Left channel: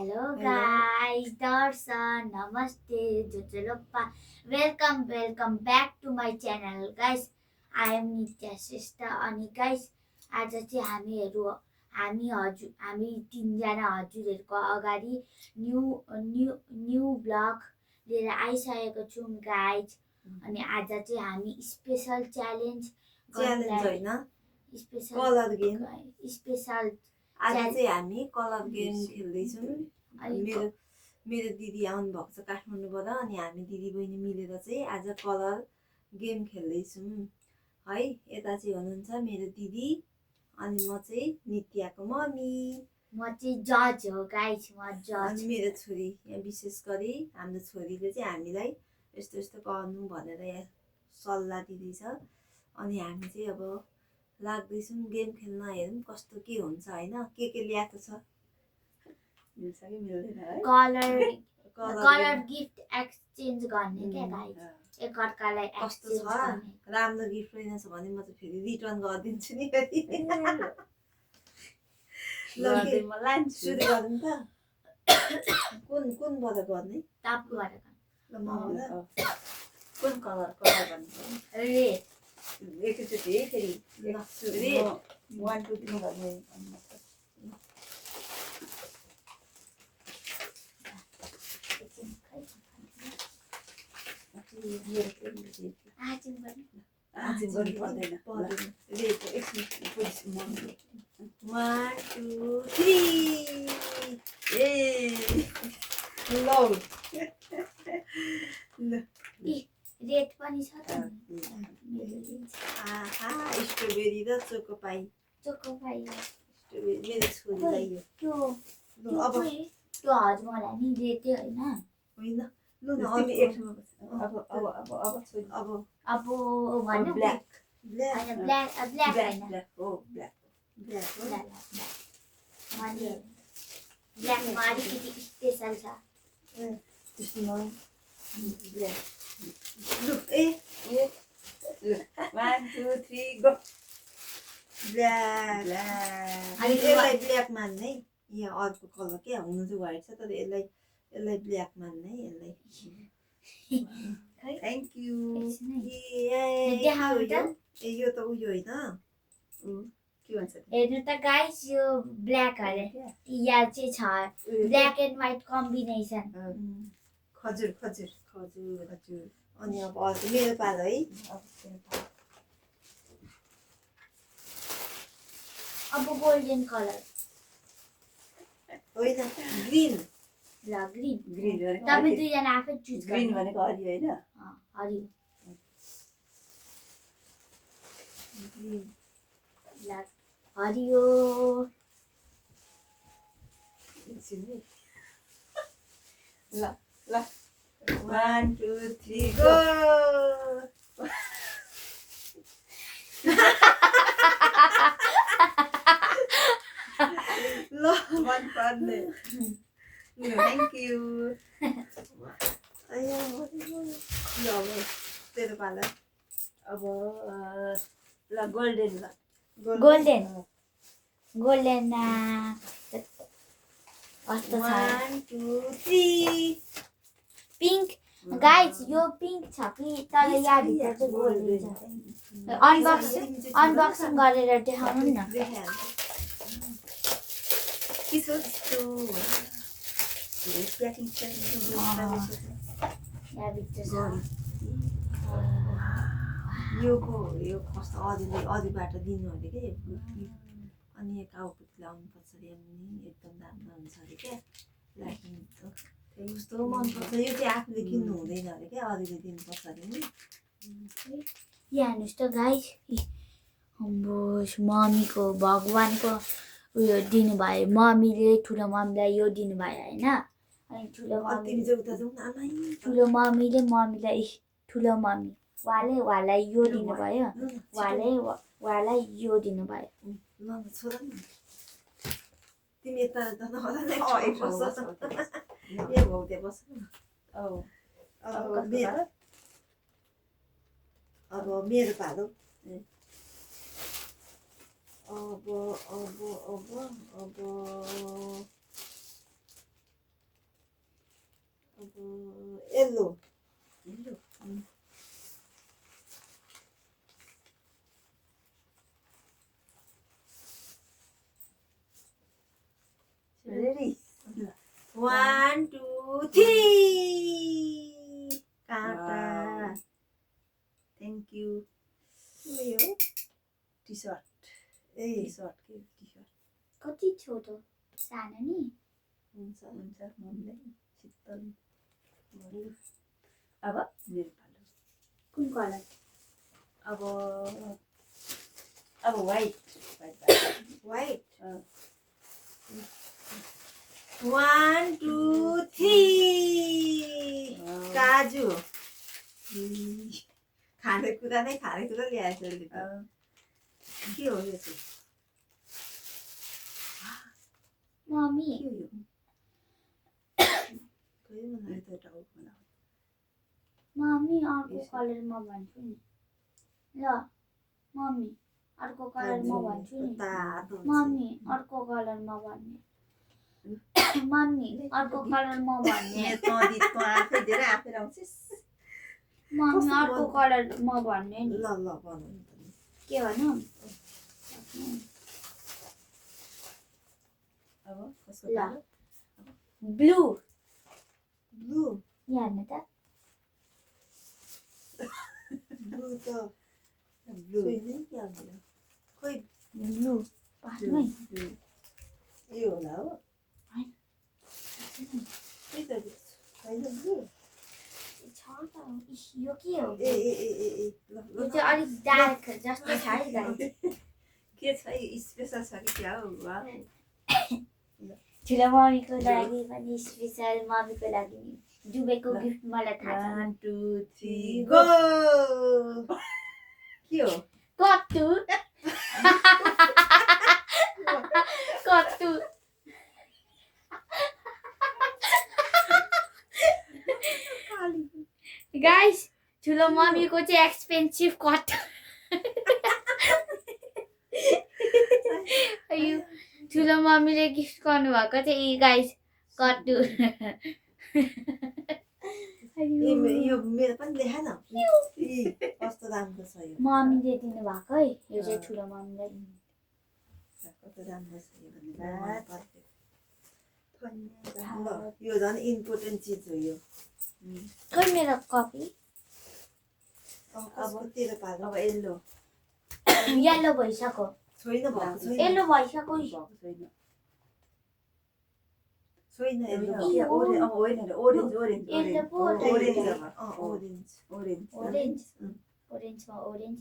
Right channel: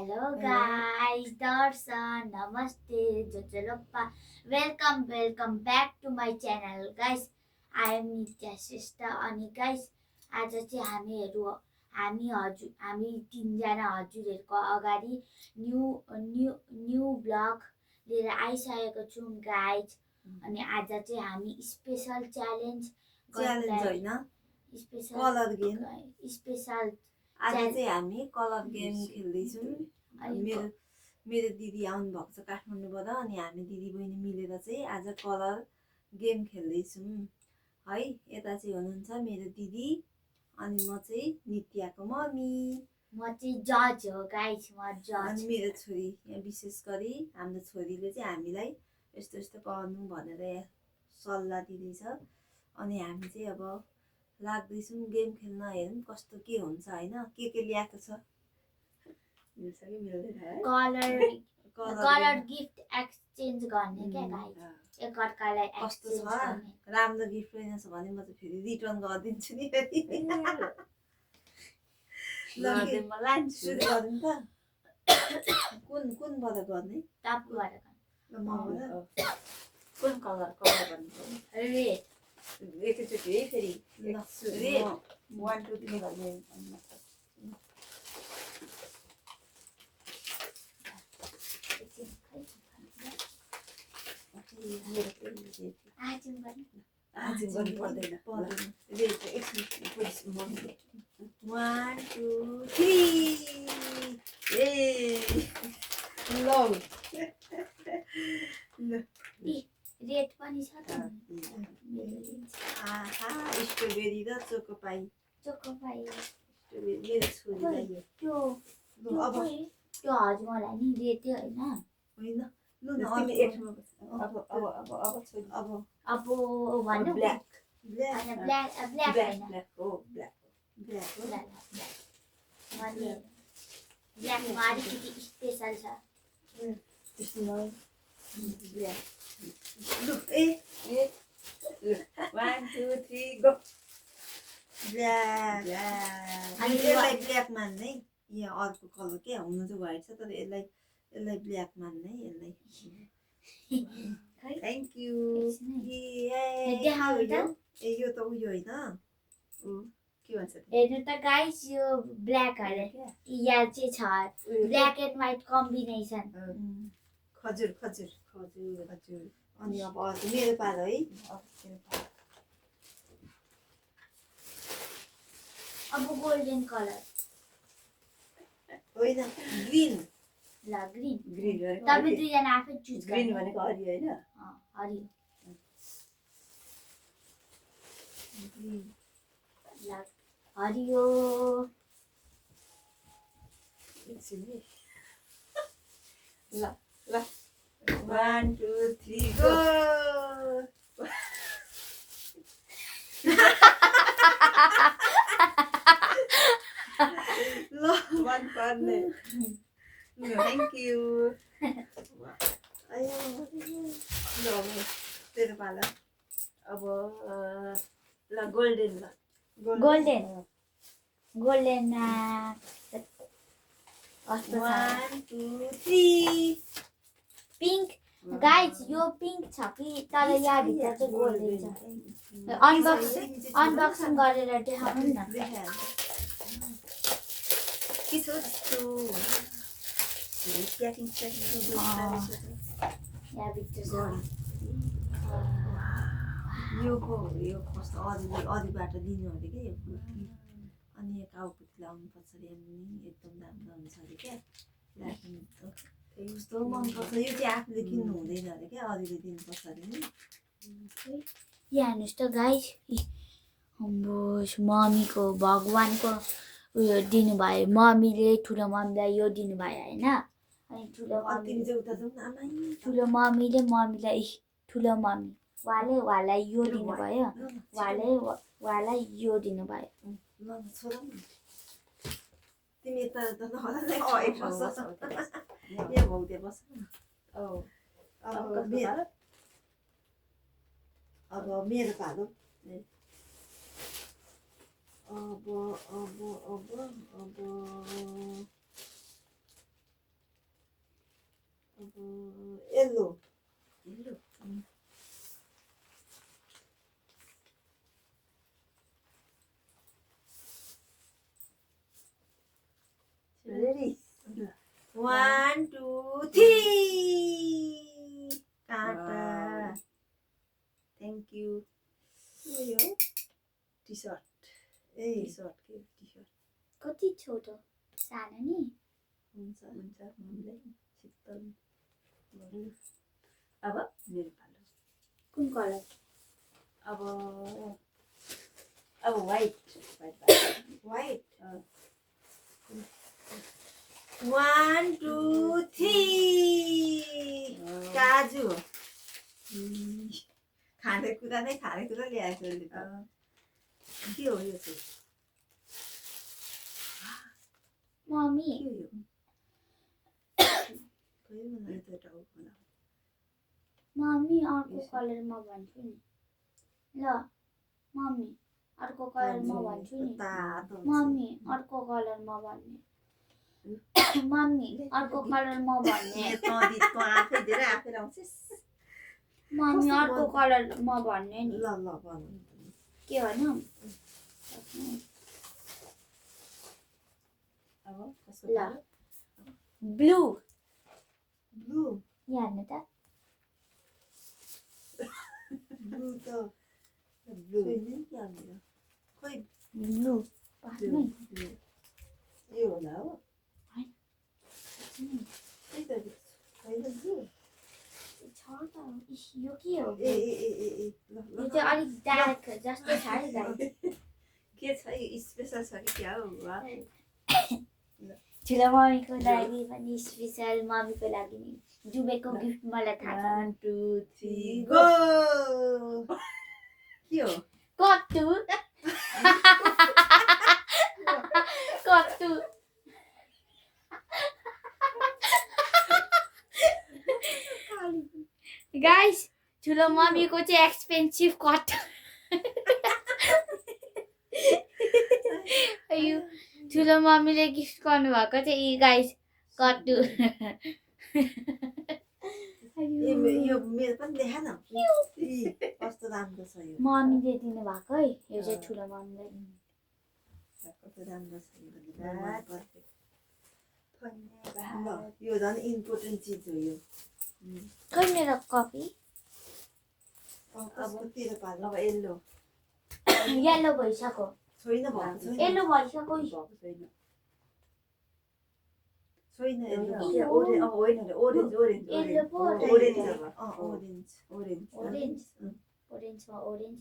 Hello Hello. guys, Darshan, Namaste, Jojolopa. Welcome back to my channel guys. I am Nitya Shrestha अनि guys आज चाहिँ हामी तीनजना हजुरहरूको अगाडि न्यू ब्लग लिएर आइसकेको छौँ गाइज अनि आज चाहिँ हामी स्पेशल च्यालेन्ज होइन स्पेशल कलर गेम स्पेशल आज चाहिँ हामी कलर गेम खेल्दैछौँ मेरो मेरो दिदी आउनु भएको छ काठमाडौँबाट अनि हामी दिदी बहिनी मिलेर चाहिँ आज कलर गेम खेल्दैछौँ है यता चाहिँ हुनुहुन्छ मेरो दिदी अनि म चाहिँ नित्याको मम्मी म चाहिँ जज हो गाइस म जज अनि मेरो छोरी यहाँ विशेष गरी हाम्रो छोरीले चाहिँ हामीलाई यस्तो यस्तो गर्नु भनेर सल्लाह दिँदैछ अनि हामी चाहिँ अब लाग्दैछौँ गेम खेल्न हेरौँ कस्तो के हुन्छ होइन के ल्याएको छ मिल्छ कि मिल्दैन है कलर गिफ्ट एक्सचेन्ज गर्ने क्या गाइस एकअर्कालाई कस्तो छ राम्रो गिफ्ट रहेनछ भने म चाहिँ फेरि रिटर्न गरिदिन्छु नि फेरि ल लान्छु सुरु गरौँ त कुनबाट गर्ने तापबाट ल मबाट कुन कलर भन्नु रेड एकैचोटि है फेरि रेड 1 2 3 गर्ने आज गर्नु पर्दैन रेड एकछिन पोजिसन 1 2 3 ए लौ रेड पनि छ त आहा स्ट्रबेरी र चोकोपाई स्ट्रबेरी मेरो छोरीलाई यो अब त्यो हजुरलाई नि रेडै होइन ल न तिमी एकमा अब भन्नु ब्ल्याक ब्ल्याक होइन ब्ल्याक हो अनि ब्ल्याकमा अलिकति स्पेसल छ त्यसमा ब्ल्याक लु ए 1 2 3 गो ब्ल्याक अनि यसलाई ब्ल्याक मान्ने यहाँ अर्को कलर के हुनु चाहिँ व्हाइट छ तर यसलाई ब्ल्याक मान्ने यसलाई थ्याङ्क यू ए यो त उयो होइन के भन्छ हेर्नु त गाइस यो ब्ल्याक अरे यहाँ चाहिँ छ ब्ल्याक एन्ड व्हाइट कम्बिनेसन खजुर खजुर खजुर खजुर अनि अब अर्को मेरो पालो है अब गोल्डन कलर होइन ग्रीन ल ग्रीन ग्रीन तपाईँ दुईजना आफै चुज ग्रीन भनेको हरियो होइन हरियो ग्रीन ल हरियो ल ल 1 2 3 गो ल मन पर्ने थ्याङ्क यू ल तेरो पाला अब ल golden golden golden 1 2 3 pink guys यो पिङ्क छ कि तर यहाँ भित्र चाहिँ गोल्डन छ अनबक्सिङ गरेर देखाउनु न यहाँ भित्र यो कस्तो अरूबाट दिनु अरे के अनि काउपुत लाउनुपर्छ अरे एकदम राम्रो हुन्छ अरे क्या कस्तो मनपर्छ यो चाहिँ आफूले किन्नु हुँदैन अरे क्या अरूले दिनुपर्छ अरे नि यहाँ हेर्नुहोस् त गाइस मम्मीको भगवानको उयो दिनुभयो मम्मीले ठुलो मम्मीलाई यो दिनुभयो होइन अनि ठुलो मम्मीले मम्मीलाई ठुलो मम्मी उहाँलाई यो दिनुभयो उहाँलाई यो दिनुभयो तिमी यता यहाँ भौते बस अब मेरो पालो अब येल्लो येल्लो रेडी 1 2 3 काटा थ्याङ्क यू के हो टी सर्ट ए टी सर्ट के टी सर्ट कति छोटो सानो नि हुन्छ हुन्छ मम्मीलाई शीतल भयो अब मेरो पालो कुन कलर अब व्हाइट व्हाइट 1 2 3 काजु खानेकुरा नै खानेकुरा ल्याएको छ के हो यो चाहिँ मम्मी के हो यो खोइ मलाई त टाउको मम्मी अर्को कलर म भन्छु नि ल मम्मी अर्को कलर म भन्छु नि तातो मम्मी अर्को कलर म भन्ने मम्मी अर्को कलर म भन्ने तँ आफै धेरै आफै लाउँछिस् मम्मी अर्को कलर म भन्ने नि ल ल बनाउनु के भनौँ अब कसको ल पालो ब्लू ब्लू यहाँ हेर्नु त ब्लू त ब्लू खोइ ब्लू पासमै यो होला हो के त होइन ब्लू छ त इस, यो के हो ए यो ए ए ए ए ल ल चाहिँ अलिक डार्क जस्तो छ है गाई के छ यो स्पेसल छ कि क्या हो वा ठुलो मम्मीको लागि पनि स्पेसल मम्मीको लागि नि जुबेको गिफ्ट मलाई थाहा 1 2 3 गो के हो छ कट्टु कट्टु गाइस ठुलो मम्मीको चाहिँ एक्सपेन्सिभ कट्टु ठुलो मम्मीले गिफ्ट गर्नुभएको चाहिँ गाइस कट्टु यो मेरो पनि देखा न कस्तो राम्रो छ यो मम्मीले दिनुभएको है यो चाहिँ ठुलो मम्मीलाई कस्तो राम्रो छ यो धन्यवाद। ल यो झन् इम्पोर्टेन्ट चिज हो यो खै मेरो कपी अब तेरो पालो अब येल्लो येल्लो भइसक्यो छैन भएको छैन येल्लो भइसक्यो भएको छैन छैन के ओरेन्ज अब होइन ओरेन्ज ओरेन्ज येल्लो पो ओरेन्ज अब ओरेन्ज ओरेन्ज ओरेन्ज ओरेन्जमा ओरेन्ज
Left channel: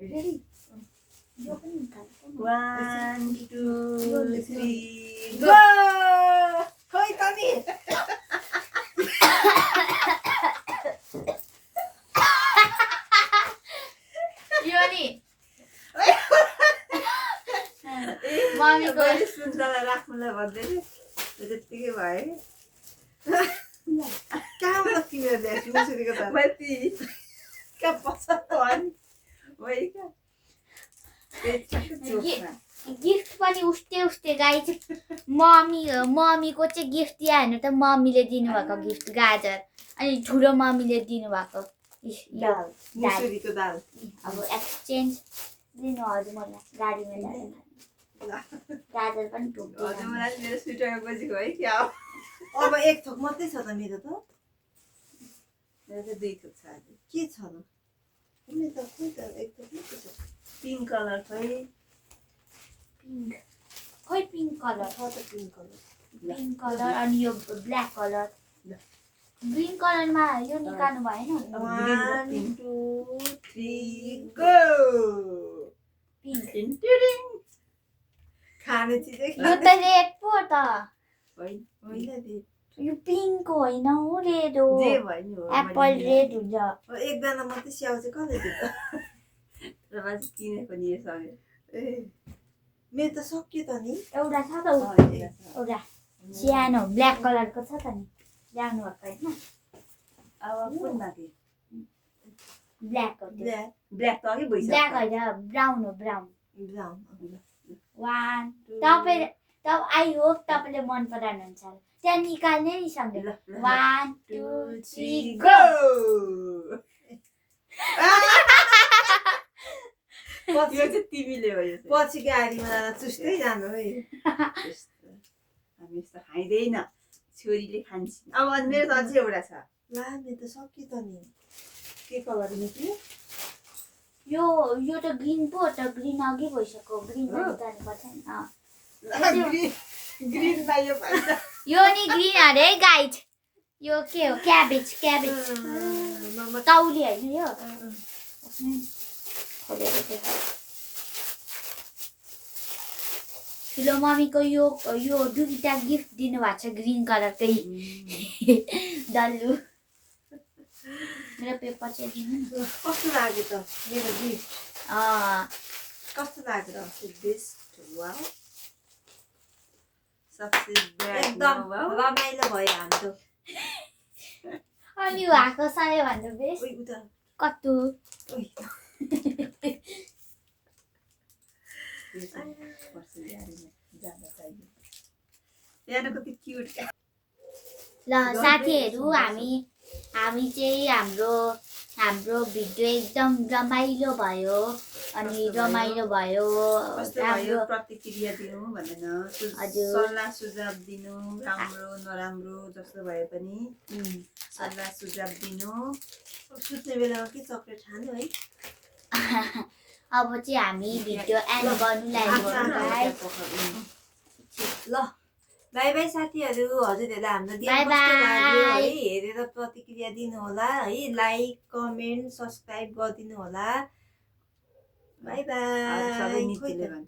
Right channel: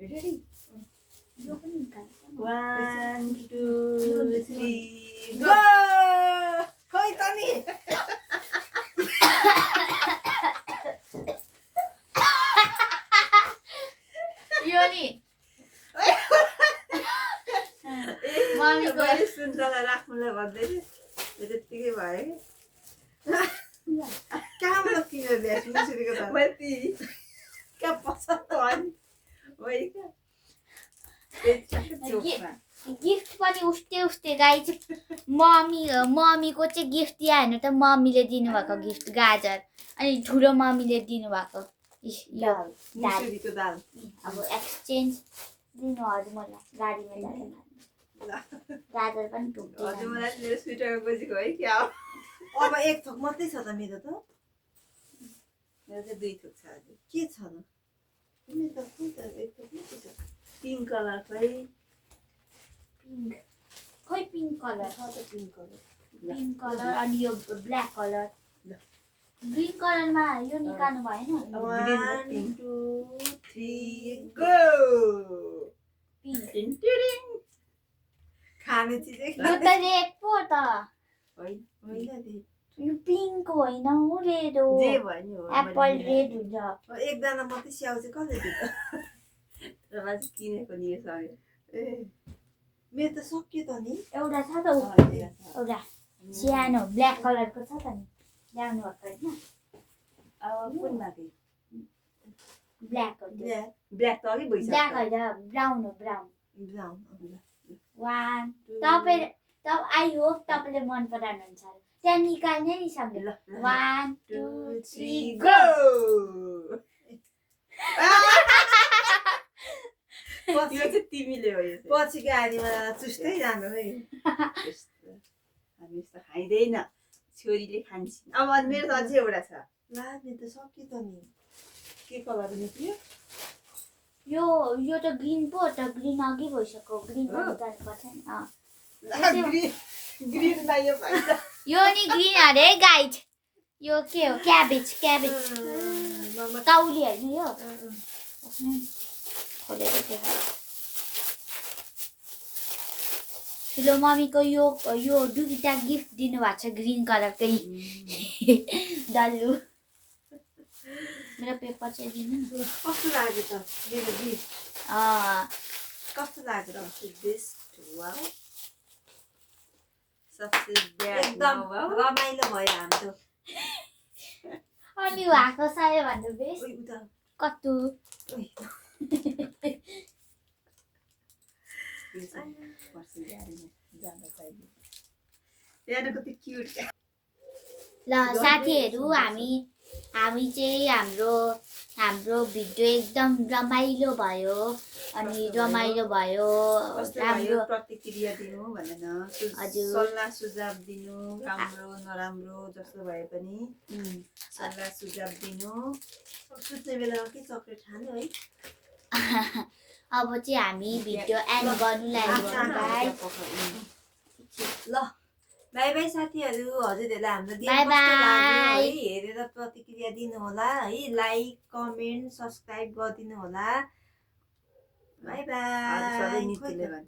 रेडी यो पनि निकाल्छ 1 2 3 गो खोइ त नि यो नि मम्मीको मैले सुन्तला राख्नुलाई भन्दै थिएँ त्यतिकै भयो कहाँबाट किनेर ल्याएको मुसुरीको त माथि कहाँ पसन्द भयो नि होइन क्या चोकमा गिफ्ट पनि उस्तै उस्तै गाई मम्मीको चाहिँ गिफ्ट दियो होइन त मम्मीले दिनुभएको गिफ्ट गाजर अनि ठुलो मम्मीले दिनुभएको यो दाल मुसुरीको दाल अब एक्सचेन्ज दिनु हजुर मलाई गाडीमा जाँदा गाजर पनि हजुर टोक्यो मलाई मेरो स्वेटरमा बजेको है क्या अब एक थोक मात्रै छ त मेरो त मेरो चाहिँ 2 थोक छ आज के छ त मेरो त खोइ त एक थोक मात्रै छ पिङ्क कलर खै पिङ्क खोइ पिङ्क कलर छ त पिङ्क कलर पिङ्क कलर अनि यो ब्ल्याक कलर ग्रिन कलरमा यो निकाल्नु भएन 1 2 3 गो पिङ्क खाने चिजै यो त रेड पो त होइन होइन नि यो पिङ्क होइन हो रेड हो जे भयो नि हो एप्पल रेड हुन्छ एकजना मात्रै स्याउ चाहिँ कसले दिन्छ र मान्छे किनेको नि योसँग ए मेरो त सक्यो त नि एउटा छ त एउटा सानो ब्ल्याक कलरको छ त नि ल्याउनु भएको होइन अब कुन बाँकी ब्ल्याक हो ब्ल्याक ब्ल्याक त अघि ब्ल्याक भइसक्यो होइन ब्राउन हो ब्राउन ब्राउन 1 तपाईँ आई होप तपाईँले मन पराउनुहुन्छ त्यहाँ निकाल्ने नि सँगै ल 1 2 3 गो यो पछि चाहिँ तिमीले हो यो चाहिँ। पछि गाडीमा जाँदा चुस्दै जानु है त्यस्तो हामी यस्तो खाइँदैन छोरीले खान्छन् अब अनि मेरो त अझै एउटा छ ला मेरो त सक्यो त नि के कलर निक्ल्यो यो त ग्रीन पो त ग्रीन अघि भइसक्यो ग्रीन हो? निकाल्नु पर्छ नि ग्रिनमा यो भन्छ यो नि ग्रीन अरे गाइड यो के हो क्याबेज मम्मा तौली होइन यो यसमै खोलेर देखाऊ। ठुलो मम्मीको यो दुईटा गिफ्ट दिनुभएको छ ग्रिन कलरकै डल्लु मेरो पेपर चाहिँ दिनु न। कस्तो लाग्यो त मेरो गिफ्ट कस्तो लाग्यो त बेस्ट वाउ सबसे ब्याड एकदम वाउ रमाइलो भयो हाम्रो अनि उहाँको सबैभन्दा बेस्ट ओइ उता कस्तो ओइ यो चाहिँ पर्छ गाडीमा जाँदा चाहियो यहाँ कति क्युट ल साथीहरू हामी चाहिँ हाम्रो भिडियो एकदम रमाइलो भयो अनि रमाइलो भयो कस्तो भयो प्रतिक्रिया दिनु भनेर हजुर। सल्लाह सुझाव दिनु राम्रो नराम्रो जस्तो भए पनि सल्लाह सुझाव दिनु सुत्ने बेलामा के चक्लेट खानु है अब चाहिँ हामी भिडियो एन्ड गर्नु लागेको गाइस। ल बाई बाई साथीहरू हजुरहरूलाई हाम्रो गेम Bye कस्तो bye। लाग्यो है हेरेर प्रतिक्रिया दिनु होला है लाइक कमेन्ट सब्सक्राइब गरिदिनु होला बाई सबै बाई मितिले भन्छ